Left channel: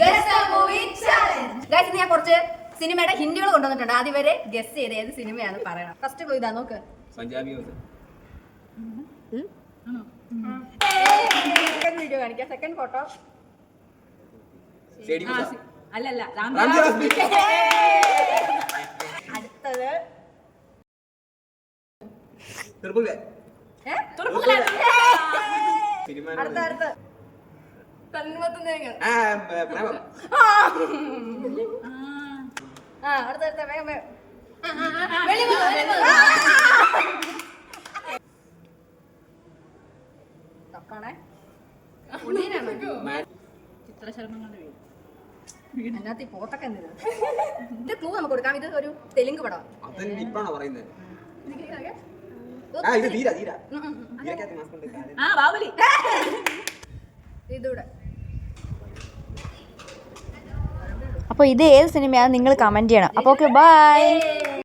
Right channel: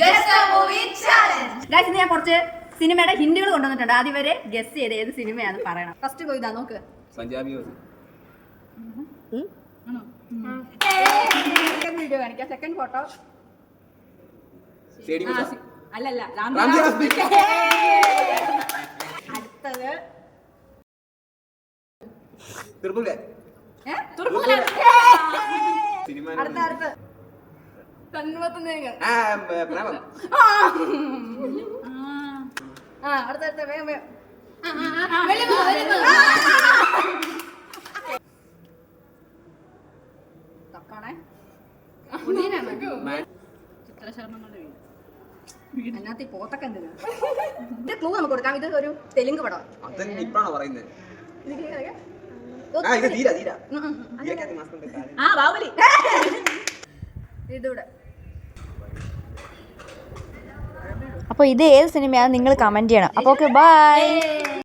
Guys ഞാൻ കുറച്ച് സിനിമയുടെ ഹിന്റുകൾ കൊണ്ടുവന്നിട്ടുണ്ട്. ആദ്യം വരെ ഗസ് ചെയ്ത് ഏത് സിനിമയാണെന്ന് പറയണം. ഫസ്റ്റ് പോയി ഇതാ നോക്ക്. വീഡിയോ കാണിക്കാം. സെക്കൻഡ് ഫോട്ടോ അല്ലല്ല. അടുത്തത് അടുത്ത അടുത്ത വേഗം വേഗം അതിനകത്ത് പോത്തൊക്കെ എന്തിനാ? ഇത് ക്ലൂ നമുക്ക് കൊടുക്കാം. ഇത് ഒരു തെലുങ്ക് പടം. ഇതൂടെ. അപ്പോൾ ഇത് ഏത് സിനിമയാണ് നിങ്ങൾ കമന്റ് ചെയ്യണം. അപ്പോൾ ഓക്കെ, ബൈ.